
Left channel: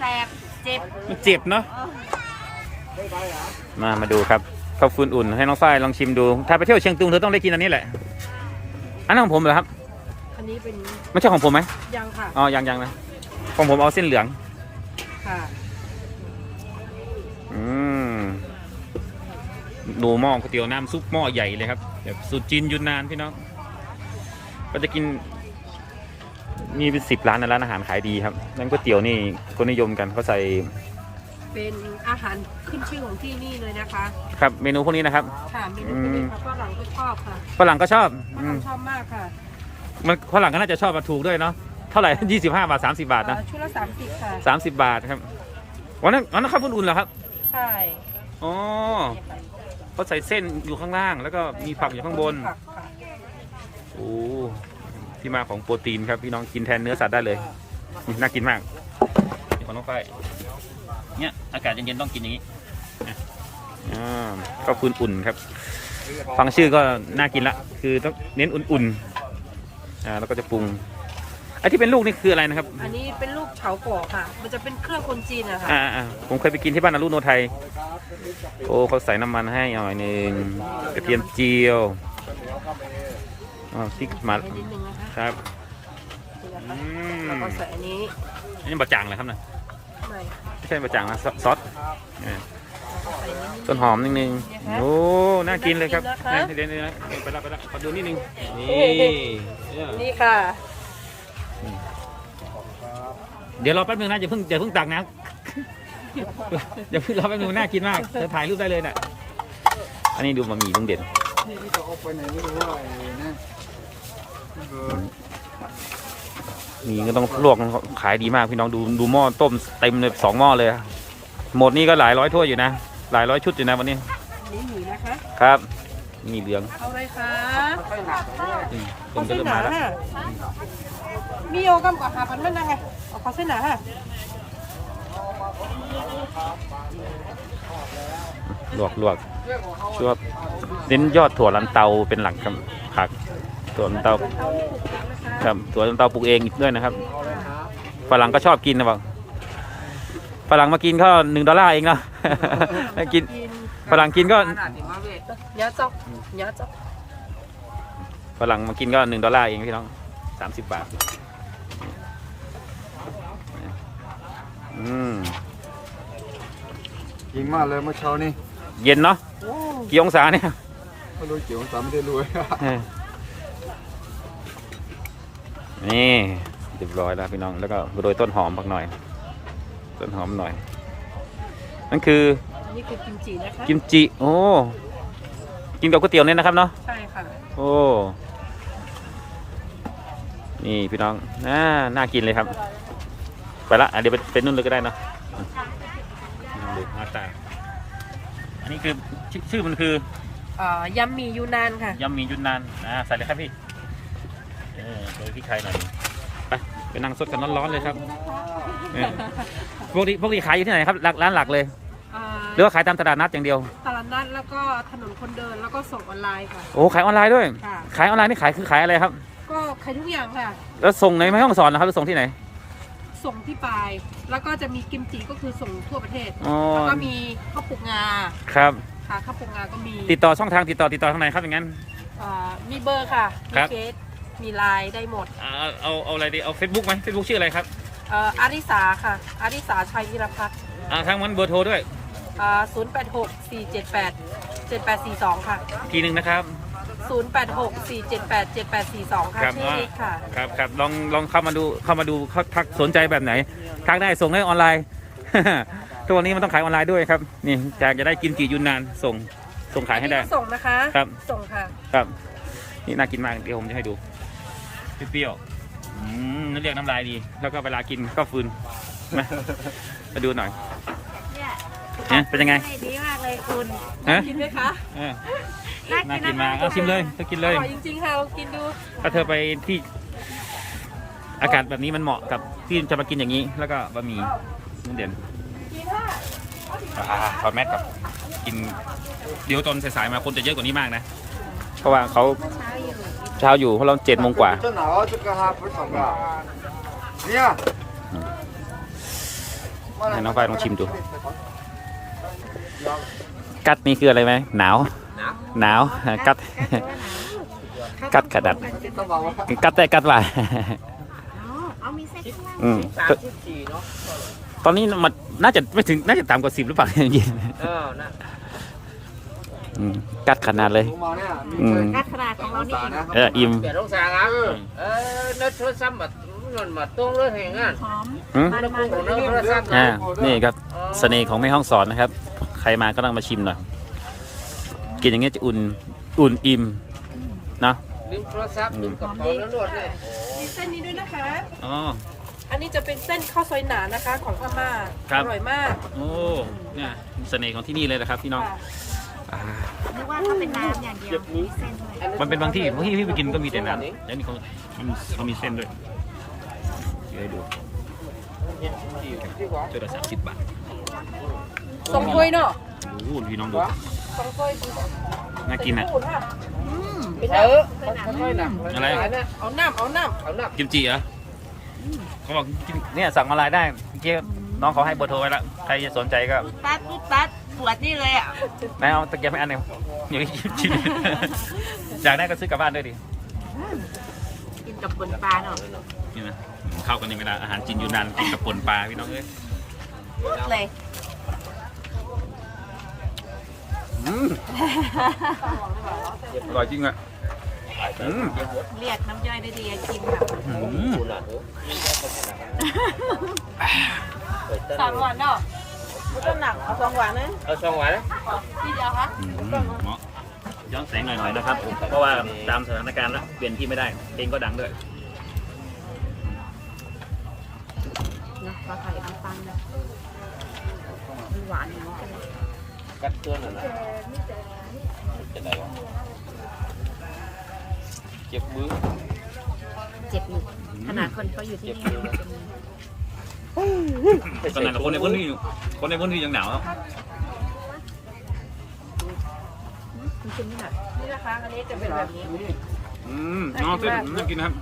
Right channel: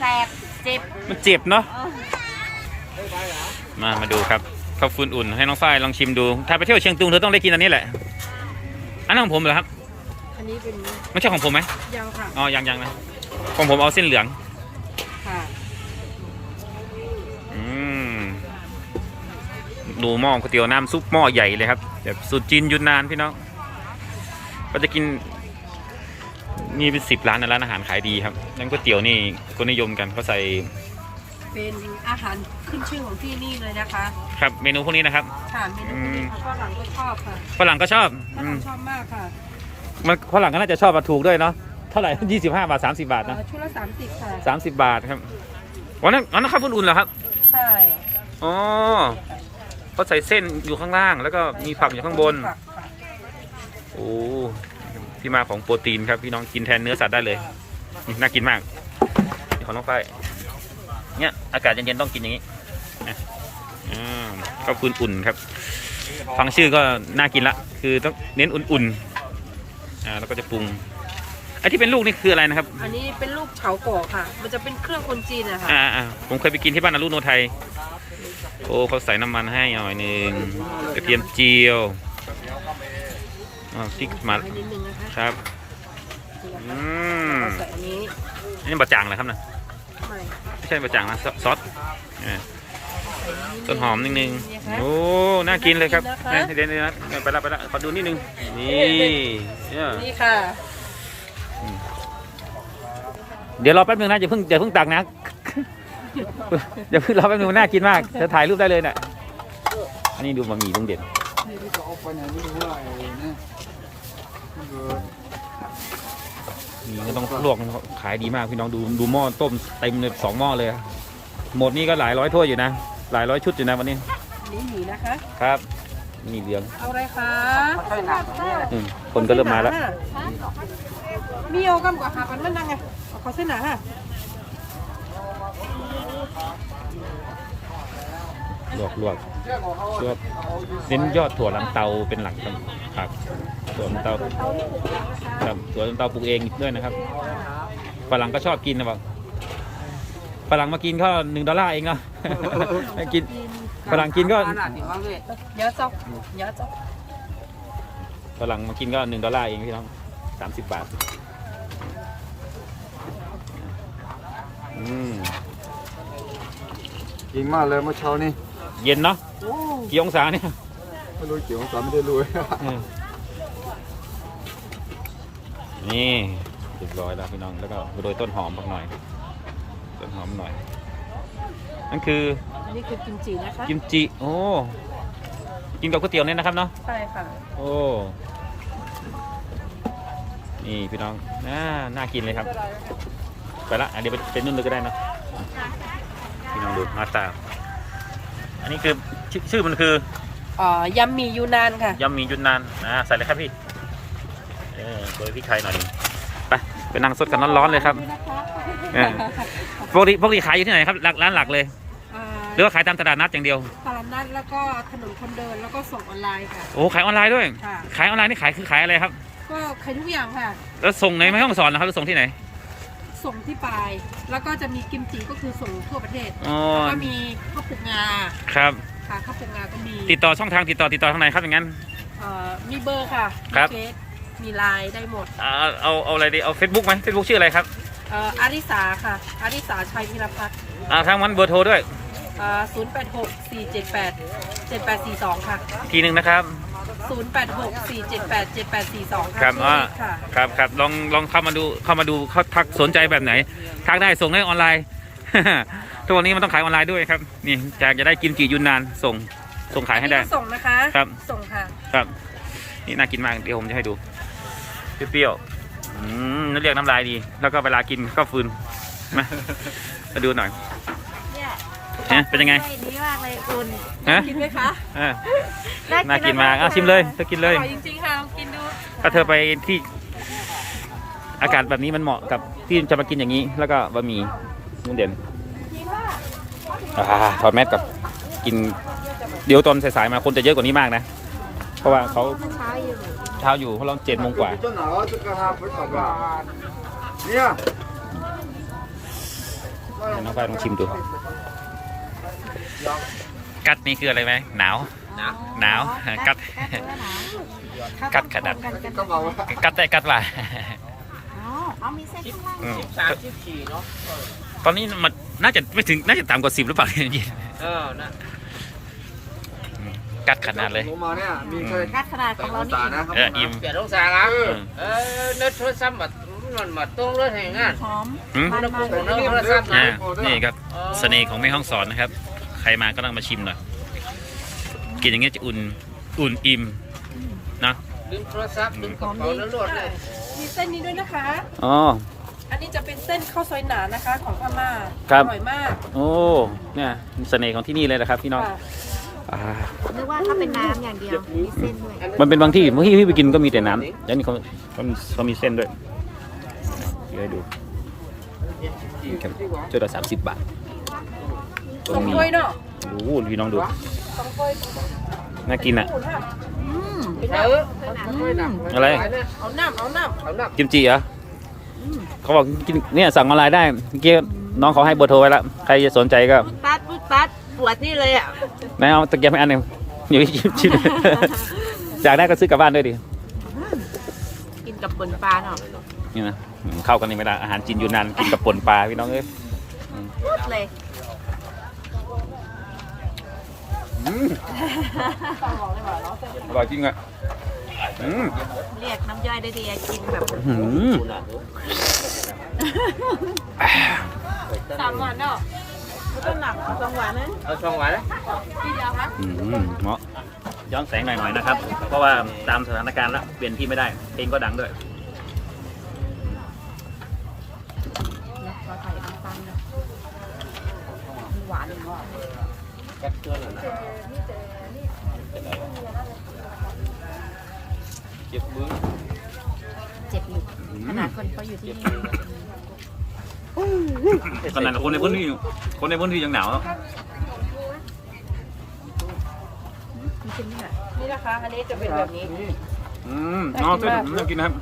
Speaker 3: แสบเจ็บ
Speaker 1: มันเจ็บเนาะ
Speaker 3: อ๋อ
Speaker 1: มามาดูครับข้าวฟืนอุ่นให้น้องฝ้ายลองชิมดู ถ้าไปเที่ยวเชียงตุงเธอต้องได้กินอันนี้แหละ อันนั้นของผมเหรอครับ
Speaker 4: อันนี้เป็น
Speaker 1: ไม่ใช่ของผมไหม
Speaker 4: ยังค่ะ
Speaker 1: อ๋อยังยังนะของผมเอาเส้นเหลือง
Speaker 4: ค่ะ
Speaker 1: อืมดูหม้อก๋วยเตี๋ยวน้ำซุปหม้อใหญ่เลยครับแบบสูตรจีนยุนนานพี่น้องก็จะกินมีเป็นสิบร้านในร้านอาหารขายดีครับนั่นก๋วยเตี๋ยวนี่คนนิยมกันเขาใส่
Speaker 4: เป็นอาหารขึ้นชื่อของที่นี่เลยนะคะ
Speaker 1: ครับเมนูพวกนี้นะครับ
Speaker 4: ค่ะเมนูพวกนี้ค่ะฝรั่งก็ชอบค่ะ
Speaker 1: ฝรั่งก็ชอบ
Speaker 4: ฝ
Speaker 1: อื
Speaker 4: รั่
Speaker 1: ม
Speaker 4: งชอบมากค่ะ
Speaker 1: มันฝรั่งก็น่าจะชอบมาถูกด้วยเนาะเท่าไหร่ยี่สิบห้าบาทสามสิบาทนะ
Speaker 4: เอ่อชุดละสามสิบค่ะ
Speaker 1: สามสิบบาทครับวันนั้นวันนั้นข้าวอุ่นๆเหรอครับ
Speaker 4: ใช่
Speaker 1: อ๋อเขาใส่เส้นอยู่ข้างล่าง แล้วก็มีผักอยู่ข้างบน
Speaker 4: ผักค่ะ
Speaker 1: โอ้ที่มาของโปรตีนครับพี่น้องกินแทนเนื้อสัตว์ได้เลยนี่น่ากินมากนี่ของน้องไฟเนี่ยอากาศเย็นๆต้องกินอย่างนี้นะอ่าก็ฟืนอุ่นครับ ฟังชื่อก็น่ากินละ คือต้องเน้นอุ่นๆอ่าแล้วก็จะปรุงไอ้ที่เป็นลูกนี่คืออะไรนะครับ
Speaker 4: อันนี้เป็นลูกเฉาก่อค่ะ มันจะเป็นเครื่องคนจีนอะค่ะ
Speaker 1: อ่าอ่าผมเคยไปกินที่บ้านอรุโนไทย โอ้เขาใส่น้ำมันให้หน่อยหนึ่งกระเทียมเจียวอ่าพริกมา
Speaker 4: ให้นิดนึงนะคะ
Speaker 1: ครับ
Speaker 4: นี่นะ
Speaker 1: อื
Speaker 4: คะแล้ว
Speaker 1: ม
Speaker 4: ก็ใส่อันนี้
Speaker 1: อันนี้บะจ่างนะครับนะ
Speaker 4: ใหม่
Speaker 1: ไม่ใช่บะจ่างนะซอซอสอ่า
Speaker 4: แล้วก็ใส่นิดนึง
Speaker 1: ต้นหอมนิดนึง
Speaker 4: เนี่ยค่ะ
Speaker 1: โอ้น่ากินเลยครับ
Speaker 4: น่ากินนะคะ
Speaker 1: เดี๋ยวเดี๋ยวนะเดี๋ยวไปละไปละขอดูนิดนึงนี่เนี่ย
Speaker 4: นี่ค่ะ
Speaker 1: เดี๋ยวรอแป๊บนึงนะอย่าเพิ่งอย่าเพิ่งตักนะอย่าเพิ่งรอแป๊บนึงมันน่ากินมากจะถ่ายรูปได้เลยน่ะ อันนี้ดูบะหมี่ลุงเด่น
Speaker 2: นี่ที่เขาเอาไปไหนไม่รู้อะไรนะมันก็
Speaker 1: มีก็ต้องลวกมันขายดีมากพี่น้องดูดูหม้อต้มเต็มเลยสองหม้อเลยอะหมดนี่ก็หลายร้อยถ้วยอยู่นะหลายร้อยชุดอยู่นะวันนี้
Speaker 4: อันนี้หมี่นะคะ
Speaker 1: ครับมีเหลือง
Speaker 4: เอาอะไรคะ
Speaker 1: อืมคนก็เริ่มมาแล้ว
Speaker 4: นี่เอากันกว่าหาปันมันยังไงเอาขอเส้นหนาค่ะ
Speaker 1: ลวกลวกลวกเน้นยอดถั่วลันเตาเป็นหลักครับผักถั่วลันเตา
Speaker 4: เตาที่ปลูกเองนะคะ
Speaker 1: ครับถั่วลันเตาปลูกเองด้วยนะครับฝรั่งก็ชอบกินนะบอกฝรั่งมากินก็หนึ่งดอลลาร์เองเนาะกินฝรั่งกินก็
Speaker 4: เนื้อจ๊อกเนื้อจ๊อก
Speaker 1: ฝรั่งมากินก็หนึ่งดอลลาร์เองพี่น้องสามสิบบาท อืม
Speaker 2: ยิงมากเลยเมื่อเช้านี่
Speaker 1: เย็นเนาะ
Speaker 4: โอ้
Speaker 1: กี่องศาเนี่ย
Speaker 2: ไม่รู้เกี่ยวกับสามไม่ได้รวย
Speaker 1: เออนี่เรียบร้อยแล้วพี่น้องแล้วก็โรยต้นหอมบักหน่อย ต้นหอมหน่อย นั่นคือ
Speaker 4: อันนี้คือกิมจินะคะ
Speaker 1: กิมจิโอ้กินกับก๋วยเตี๋ยวเนี่ยนะครับเนาะ
Speaker 4: ใช่ค่ะ
Speaker 1: โอ้นี่พี่น้องน่าน่ากินเลยครับ ไปละอะเดี๋ยวไปเป็นนุ่นเลยก็ได้เนอะพี่น้องดูหน้าตา อันนี้คือชื่อชื่อมันคือ
Speaker 4: เอ่อยำหมี่ยูนานค่ะ
Speaker 1: ยำหมี่ยุนนานอ่าใส่เลยครับพี่เออโรยพริกไทยหน่อยหนึงไปไปไปนั่งสดกันร้อนๆเลยครับเออปกติปกติขายอยู่ที่ไหนครับร้านร้านหลักเลย
Speaker 4: อ่า
Speaker 1: หรือว่าขายตามตลาดนัดอย่างเดียว
Speaker 4: ตลาดนัดแล้วก็ถนนคนเดินแล้วก็ส่งออนไลน์ค่ะ
Speaker 1: โอ้ขายออนไลน์ด้วย
Speaker 4: ค่ะ
Speaker 1: ขายออนไลน์นี่ขายคือขายอะไรครับ
Speaker 4: ก็ขายทุกอย่างค่ะ
Speaker 1: แล้วส่งในไม่ห้องสอนนะครับหรือส่งที่ไหน
Speaker 4: ส่งที่ปลาย แล้วก็จะมีกิมจิก็คือส่งทั่วประเทศ
Speaker 1: อ๋อ
Speaker 4: แล้วก็มีข้าวปลูกงา
Speaker 1: ครับ
Speaker 4: ค่ะข้าวปลูกงาก็มี
Speaker 1: ติดต่อช่องทางติดต่อติดต่อทางไหนครับอย่างนั้น
Speaker 4: อ่ามีเบอร์ค่ะ
Speaker 1: ค
Speaker 4: มี
Speaker 1: รับ
Speaker 4: เฟซมีไลน์ได้หมด
Speaker 1: เอาเอาเอาอะไรดีเอาเฟซบุ๊กไหมเฟซบุ๊กชื่ออะไรครับ
Speaker 4: เอ่ออาริสาค่ะอาริสาชัยวิรพัฒน์
Speaker 1: อ่าทางมันเบอร์โทรด้วย
Speaker 4: อ่าศูนย์แปดหกสี่เจ็ดแปดเจ็ดแปดสี่สองค่ะ
Speaker 1: อีกทีหนึ่งนะครับ
Speaker 4: ศูนย์แปดหกสี่เจ็ดแปดเจ็ดแปดสี่สองค่ะ
Speaker 1: ครับ
Speaker 4: ชื่อ
Speaker 1: อ่า
Speaker 4: เล็กค่ะ
Speaker 1: ครับครับลองลองเข้ามาดูเข้ามาดูเขาทักสนใจแบบไหนทักได้ส่งได้ออนไลน์ ทุกวันนี้มันต้องขายออนไลน์ด้วยครับ นี่อยากจะได้กินกี่ยุนนานส่งส่งขายให้ได้
Speaker 4: ส่งนะคะ
Speaker 1: ครับ
Speaker 4: ส่งค่ะ
Speaker 1: ครับ นี่น่ากินมากเดี๋ยวผมจะให้ดูเปรี้ยวๆอืมนั่นเรียกน้ำลายดี แล้วก็เวลากินก็ฟืนมามาดูหน่อย
Speaker 3: เนี่ย
Speaker 1: ฮะเป็นยังไง
Speaker 3: ดีมากเลยคุณ
Speaker 1: ฮะ
Speaker 4: กินไหมคะ
Speaker 1: น่ากินมากเอาชิมเลยเธอกินเลย
Speaker 4: จริงๆค่ะลองกินดู
Speaker 1: ถ้าเธอไปที่อากาศแบบนี้มันเหมาะกับที่จะมากินอย่างนี้ แล้วก็บะหมี่นุ่นเด่นถอดแมสกับกิน เดี๋ยวตอนสายๆมาคนจะเยอะกว่านี้มากนะ เพราะว่าเขา
Speaker 3: เช้าอยู่
Speaker 1: เพราะเราเจ็ดโมงกว่า
Speaker 2: เนี่
Speaker 1: ยน้องไฟลองชิมดู กัดนี่คืออะไรไหมหนาว หนาวกัด กัดกระดั
Speaker 2: ด
Speaker 1: กัดแต่กัดว่าะตอนนี้มันน่าจะไม่ถึงน่าจะต่ำกว่าสิบหรือเปล่าเนี่ยยินกัดขนาดเลย
Speaker 3: กัดขนาดของเรานี่อิ่
Speaker 1: ม
Speaker 5: เดี๋ยวต้องสารับเออเนื้อโทรศัพมันมันต้องเลือดแห้งงาน
Speaker 4: หอม
Speaker 1: มั
Speaker 4: นมั
Speaker 5: น
Speaker 1: นี่ครับเสน่ห์ของแม่ห้องสอนนะครับ รมาก็ต้องมาชิมหน่อยกินอย่างเงี้ยจะอุ่นอุ่นอิ่มเนาะ
Speaker 5: ลืมโทรศัพท์ลืมกระเป๋าแล้วรวดเลย
Speaker 4: มีเส้นนี้ด้วยนะคะ
Speaker 1: อ๋อ
Speaker 4: อันนี้จะเป็นเส้นข้าวซอยหนานะคะ ของพม่า
Speaker 1: ครับ
Speaker 4: อร่อยมาก
Speaker 1: โอ้เนี่ยเสน่ห์ของที่นี่เลยนะครับพี่น้อง
Speaker 4: ค่ะ
Speaker 1: อ่า
Speaker 3: นึกว่าเขาเป็นน้ำอย่างเดียวมีเส้นด้วย
Speaker 1: มันเป็นบางที่บางที่ที่ไปกินก็มีแต่น้ำแล้วนี่เขาเขามีเขามีเส้นด้วยเดี๋ยวให้ดูครับจุดละสามสิบบาท
Speaker 4: สองถ้วยเนาะ
Speaker 1: ดูพี่น้องดูน่ากินอะ
Speaker 3: อืม
Speaker 5: เออค่อยๆดับ
Speaker 1: อะไร
Speaker 4: เอาน้ำเอาน้ำ
Speaker 5: เอาหนัก
Speaker 1: กิมจิเหรอเขาบอกกินเนี่ยสั่งออนไลน์ได้เมื่อกี้น้องเขาให้เบอร์โทรไว้แล้วใครจะสนใจก็
Speaker 3: ปัดปุ๊บปัดปวดนี่เลยอะ
Speaker 1: ไม่เอาตะเกียบให้อันหนึ่งอยู่ที่ชิมชิมอยากได้ก็ซื้อกลับบ้านด้วยดิ
Speaker 3: กินกับปนปลาเนาะ
Speaker 1: นี่นะอืมเข้ากันนี่ไม่ได้อาหารจีนยูนานกินกับป่นปลาพี่น้องเอ้ย
Speaker 3: เลย
Speaker 1: อืมอร่อยจริงอะอืม
Speaker 3: เรียกน้ำย่อยได้ดีอะกินแบบ
Speaker 1: อืม
Speaker 4: สามวันเนาะ
Speaker 3: น้ำหนักสองหวานนะ
Speaker 5: เอาสองหวานนะ
Speaker 4: ที่เดียวคะ
Speaker 1: อืมเหมาะย้อนแสงหน่อยๆนะครับ เพราะว่าตามสถานการณ์แล้วเปลี่ยนที่ไม่ได้เพลงก็ดังด้วย
Speaker 3: เนาะขอถ่ายน้ำปังมันหวานอย่างนี้
Speaker 5: กับตัวหนึ่ง
Speaker 1: เจ็บมือ
Speaker 3: เจ็บอยู่ขนาดคนเขาอยู่ที่นี่
Speaker 1: ขนาดคนในพื้นที่คนในพื้นที่ยังหนาวอะ
Speaker 3: คุณชิมนี่แบบ
Speaker 4: นี่นะคะอันนี้จะเป็นแบบนี้
Speaker 1: อืมน้องเส้นผมน่ากินนะครับ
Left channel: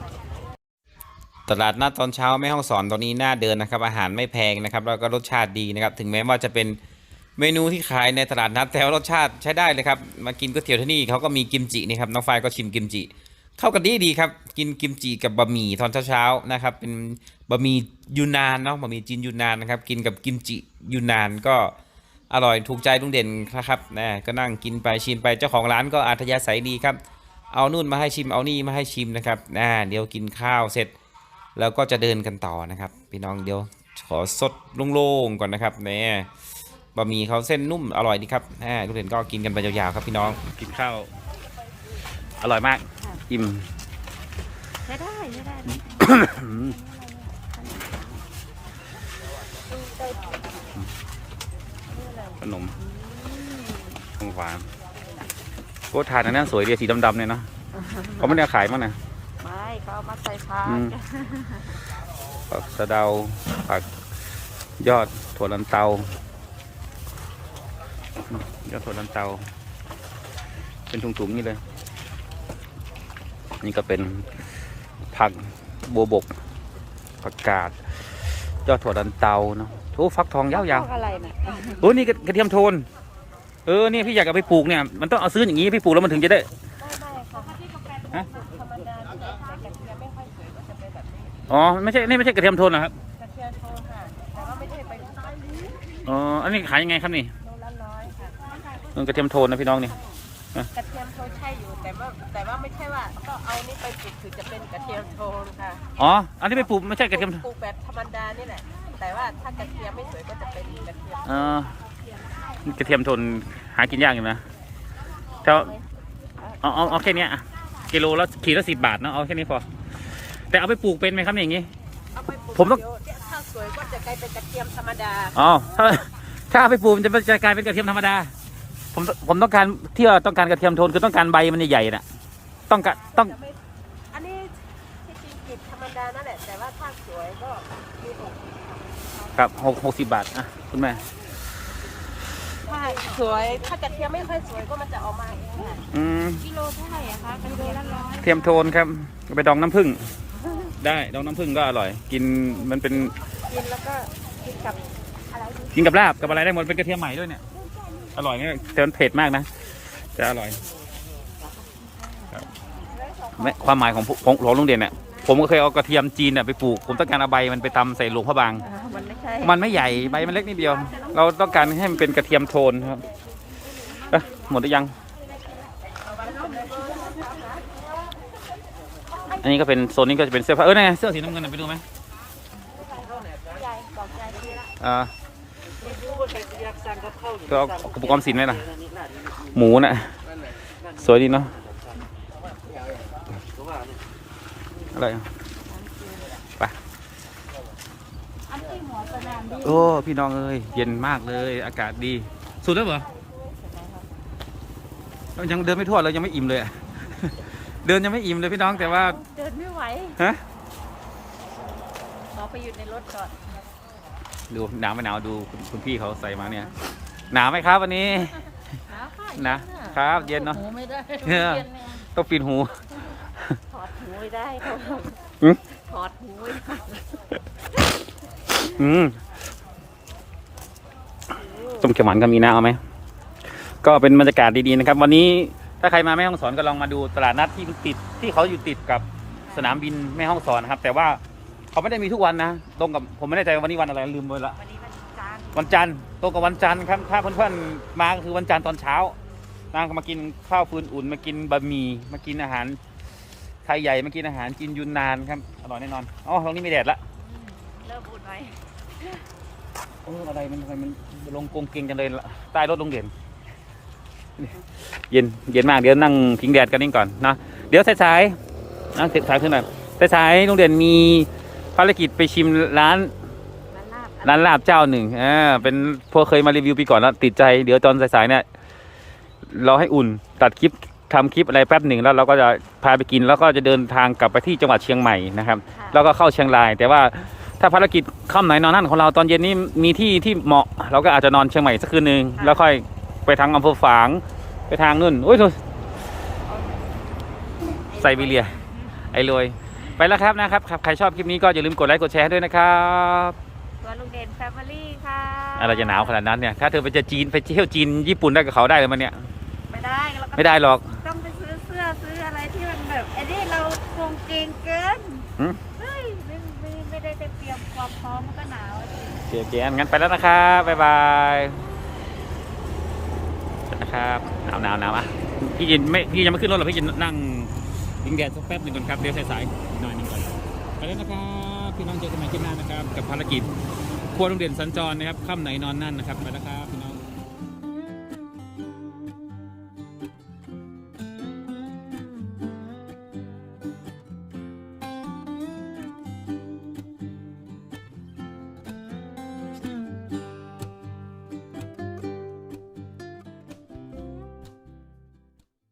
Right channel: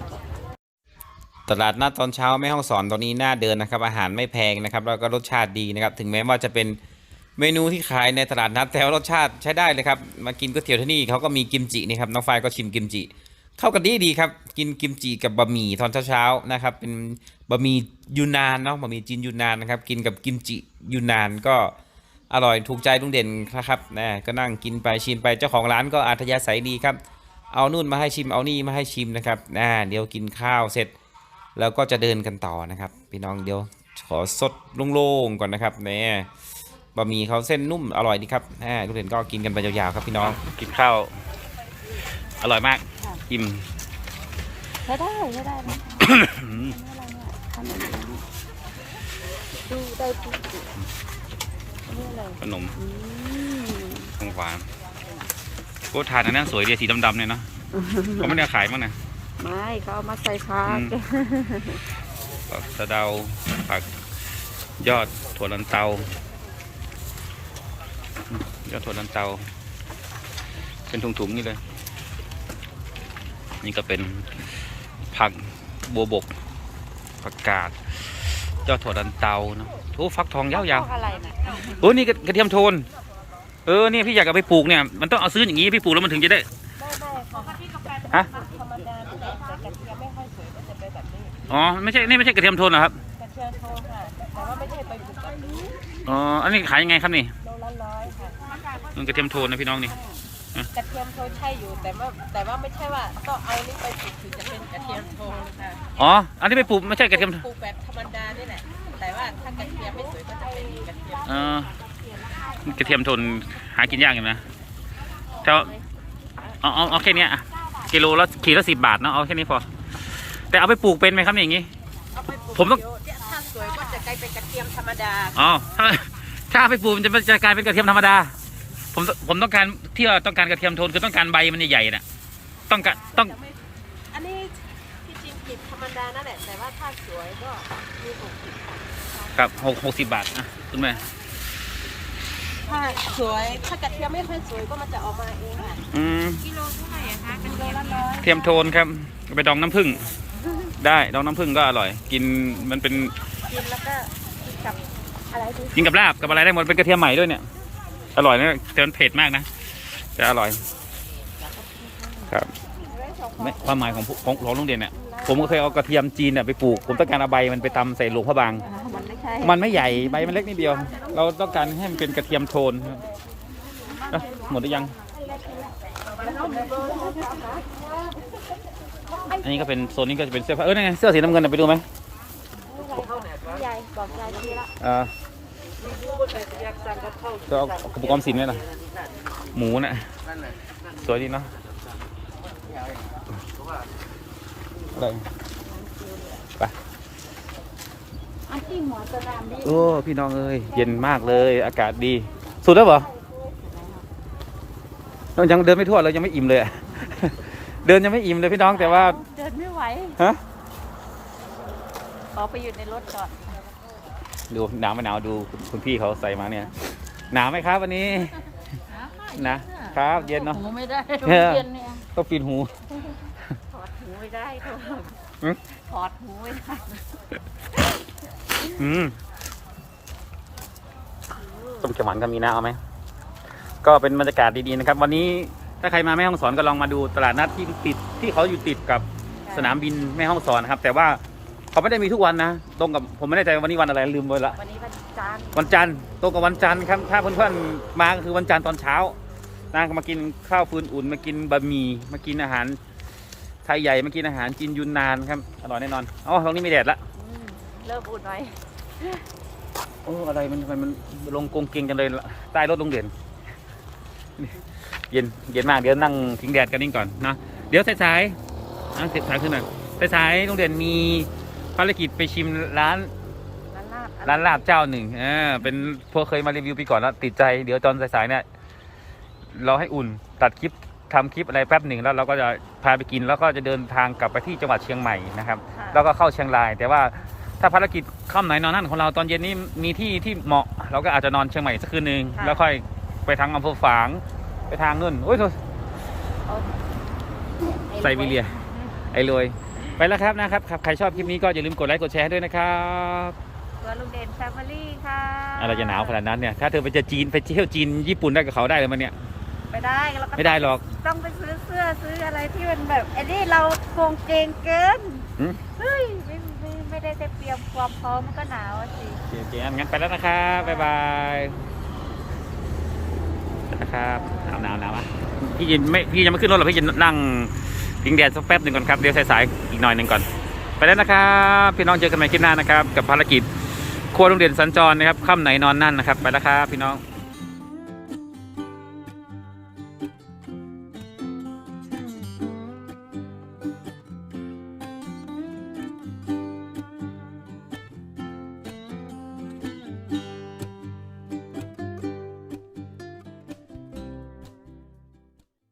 Speaker 1: ตลาดนัดตอนเช้าแม่ห้องสอนตอนนี้น่าเดินนะครับ อาหารไม่แพงนะครับ แล้วก็รสชาติดีนะครับ ถึงแม้ว่าจะเป็น เมนูที่ขายในตลาดนัดแต่ว่ารสชาติใช้ได้เลยครับ มากินก๋วยเตี๋ยวที่นี่เขาก็มีกิมจินี่ครับน้องฝ้ายก็ชิมกิมจิ เข้ากันดีดีครับ กินกิมจิกับบะหมี่ตอนเช้าๆนะครับ เป็นบะหมี่ยูนานเนาะบะหมี่จีนยูนานนะครับ กินกับกิมจิยูนานก็อร่อยถูกใจลุงเด่นนะครับนะก็นั่งกินไปชิมไปเจ้าของร้านก็อัธยาศัยดีครับ เอานู่นมาให้ชิมเอานี่มาให้ชิมนะครับอ่เดี๋ยวกินข้าวเสร็จ แล้วก็จะเดินกันต่อนะครับ พี่น้องเดี๋ยวขอสดโล่งๆก่อนนะครับแหม่ บะหมี่เขาเส้นนุ่มอร่อยดีครับอ่าทุกเด่นก็กินกันไปยาวๆครับพี่น้อง กินข้าว อร่อยมากอิ่ม
Speaker 3: ใช้ได้ใช้ได้นะ
Speaker 1: ขนมของหวานโก็ทานอันนั้นสวยดีสีดำๆเนี่ยเนาะเขาไม่ได้ขายมั้งนะ
Speaker 3: ไม่เขาเอามาใส่ผัก
Speaker 1: อืมผักสะเดาผักยอดถั่วลันเตาอืม ยอดถั่วลันเตา เป็นถุงๆนี่เลย นี่ก็เป็นผักบัวบกผักกาดยอดถั่วลันเตาเนาะโอ้ฟักทองยาว
Speaker 3: อะไรน่ะ
Speaker 1: ๆโอ้นี่กระกระเทียมโทน เออเนี่ยพี่อยากเอาไปปลูกเนี่ยมันต้องเอาซื้ออย่างนี้พี่ปลูกแล้วมันถึงจะได้ฮะอ๋อไม่ใช่นี่ไม่ใช่กระเทียมโทนเหรอครับอ๋ออันนี้ขายยังไงครับนี่
Speaker 4: โลละร้อยค่ะ
Speaker 1: เออกระเทียมโทนนะพี่น้องนี่
Speaker 4: กระเทียมโทนใช่อยู่แต่ว่าแต่ว่าไม่ใช่ว่าก็เอานี่ไปปลูกถึงจะเป็นกระเทียมโทนค่ะ
Speaker 1: อ๋ออันนี้ไปปลูกไม่ใช่กระเทียม
Speaker 4: ปลูกแบบธรรมดานี่แหละแต่ว่าถ้ากระเทียมไม่สวยก็จะเป็นกระเทียม
Speaker 1: เออกระเทียมโทนหากินยากอยู่นะแต่ว่าเอาเอาเอาแค่นี้อะกิโลละขีดละสิบบาทเนาะเอาแค่นี้พอแต่เอาไปปลูกเป็นไหมครับอย่างงี้
Speaker 4: เอาไปปลูก
Speaker 1: ผมต้อง
Speaker 4: ถ้าสวยก็จะกลายเป็นกระเทียมธรรมดา
Speaker 1: อ๋อถ้าถ้าเอาไปปลูกมันจะกลายเป็นกระเทียมธรรมดา ผมผมต้องการที่ว่าต้องการกระเทียมโทนคือต้องการใบมันใหญ่ๆน่ะ ต้องการต้อง
Speaker 4: จะไม่อันนี้ที่จริงกลีบธรรมดานั่นแหละ แต่ว่าถ้าสวยก็มีหกสิบค่ะ
Speaker 1: ครับหกหกสิบบาทนะคุณแม่
Speaker 4: ถ้าสวยถ้ากระเทียมไม่ค่อยสวยก็มันจะออกมาเองค่ะ
Speaker 1: อืม
Speaker 3: กิโลเท่าไหร่อะคะ
Speaker 4: กิโลละร้อย
Speaker 1: เทียมโทนครับเอาไปดองน้ำผึ้งได้ดองน้ำผึ้งก็อร่อย กินมันเป็น
Speaker 3: กินแล้วก็กินกับอะไรดี
Speaker 1: กินกับลาบกับอะไรได้หมดเป็นกระเทียมใหม่ด้วยเนี่ย อร่อยนะแต่มันเผ็ดมากนะแต่อร่อย ครับแม่ความหมายของผู้ของหลวงลุงเด่นเนี่ยผมก็เคยเอากระเทียมจีนเนี่ยไปปลูก ผมต้องการเอาใบมันไปตำใส่หลวงพระบาง
Speaker 3: อ่ามันไม่ใช่
Speaker 1: มันไม่ใหญ่ใบมันเล็กนิดเดียว เราต้องการให้มันเป็นกระเทียมโทนครับเอ๊ะหมดหรือยัง อันนี้ก็เป็นโซนนี้ก็จะเป็นเสื้อผ้าเออนี่นไงเสื้อสีน้ำเงินน่ะไปดูไหมอ่า ก็เอากระปุกออมสินไหมล่ะ หมูน่ะ สวยดีเนาะอะไรอะ
Speaker 3: อันที่หัวสนามบิน
Speaker 1: โอ้พี่น้องเอ้ยเย็นมากเลยอากาศดี สุดแล้วเหรอเรายังเดินไม่ทั่วเลยยังไม่อิ่มเลยอะเดินยังไม่อิ่มเลยพี่น้องแต่ว่า
Speaker 3: เดินไม่ไหว
Speaker 1: ฮะ
Speaker 3: ขอไปอยู่ในรถก่อน
Speaker 1: ดูหนาวไม่หนาวดูคุณคุณพี่เขาใส่มาเนี่ย หนาวไหมครับวันนี้ นะครับ เย็นเนอะ
Speaker 3: หูไม่ได้
Speaker 1: เออ
Speaker 3: เย็นเนี่ย
Speaker 1: ต้องปิดหู
Speaker 3: ถอดหูไม่ได้เขา
Speaker 1: หืม
Speaker 3: ถอดหูไม่ได้
Speaker 1: อืมต้มเขียวหวานก็มีนะเอาไหม ก็เป็นบรรยากาศดีๆนะครับ วันนี้ถ้าใครมาแม่ห้องสอนก็ลองมาดูตลาดนัดที่มันติดที่เขาอยู่ติดกับสนามบินแม่ห้องสอนนะครับ แต่ว่าเขาไม่ได้มีทุกวันนะตรงกับผมไม่แน่ใจวันนี้วันอะไรลืมไปละ
Speaker 3: วันนี้ วันจันทร์
Speaker 1: วันจันทร์ตรงกับวันจันทร์ครับ ถ้าเพื่อนๆมาก็คือวันจันทร์ตอนเช้านะมากินข้าวฟืนอุ่นมากินบะหมี่มากินอาหารไทยใหญ่มากินอาหารจีนยุนนานครับอร่อยแน่นอนอ๋อตรงนี้มีแดดละ
Speaker 3: อืมเริ่มอุ่นหน่อย
Speaker 1: โอ้อะไรมันทำไมมันลงกงเกงจังเลยล่ะใต้รถลงเด่นเย็นเย็นมากเดี๋ยวนั่งพิงแดดกันนี่ก่อนนะเดี๋ยวสายๆนะสายๆขึ้นหน่อยสายๆโรงเรียนมีภารกิจไปชิมร้าน
Speaker 3: ร้านลาบ
Speaker 1: ร้านลาบเจ้าหนึ่งอ่าเป็นพวกเคยมารีวิวปีก่อนแล้วติดใจเดี๋ยวตอนสายๆเนี่ยเราให้อุ่นตัดคลิปทำคลิปอะไรแป๊บหนึ่งแล้วเราก็จะพาไปกินแล้วก็จะเดินทางกลับไปที่จังหวัดเชียงใหม่นะครับ
Speaker 3: ค่ะ
Speaker 1: แล้วก็เข้าเชียงราย แต่ว่าถ้าภารกิจค่ำไหนนอนนั่นของเราตอนเย็นนี้มีที่ที่เหมาะ เราก็อาจจะนอนเชียงใหม่สักคืนหนึ่ง
Speaker 3: ค่ะ
Speaker 1: แล้วค่อยไปทางอำเภอฝางไปทางนู่นโอ้ยโถ่ไซบีเรียไอ้รวยไปแล้วครับนะครับครับใครชอบคลิปนี้ก็อย่าลืมกดไลค์กดแชร์ด้วยนะครับ
Speaker 3: ตัวลุงเด่นแฟมิลี่ค่ะ
Speaker 1: อะไรจะหนาวขนาดนั้นเนี่ย ถ้าเธอไปจะจีนไปเที่ยวจีนญี่ปุ่นได้กับเขาได้เลยมันเนี่ย
Speaker 3: ไปได้แล้วก็
Speaker 1: ไม่ได้หรอก
Speaker 3: ต้องไปซื้อเสื้อซื้ออะไรที่มันแบบไอ้นี่เราโกงเกงเกิน
Speaker 1: หืม
Speaker 3: เฮ้ยไม่ไม่ไม่ได้เตรียมความพร้อมมันก็หนาวอะสิ
Speaker 1: โอเคโอเคงั้นไปแล้วนะครับบ๊ายบายไปนะครับหนาวหนาวหนาวอะพี่ยินไม่พี่ยังไม่ขึ้นรถหรอกพี่จะนั่งพิงแดดสักแป๊บหนึ่งก่อนครับเดี๋ยวสายๆอีกหน่อยหนึ่งก่อน ไปแล้วนะครับ พี่น้องเจอกันใหม่คลิปหน้านะครับ กับภารกิจ ครัวโรงเรียนสัญจรนะครับค่ำไหนนอนนั่นนะครับ ไปแล้วครับพี่น้อง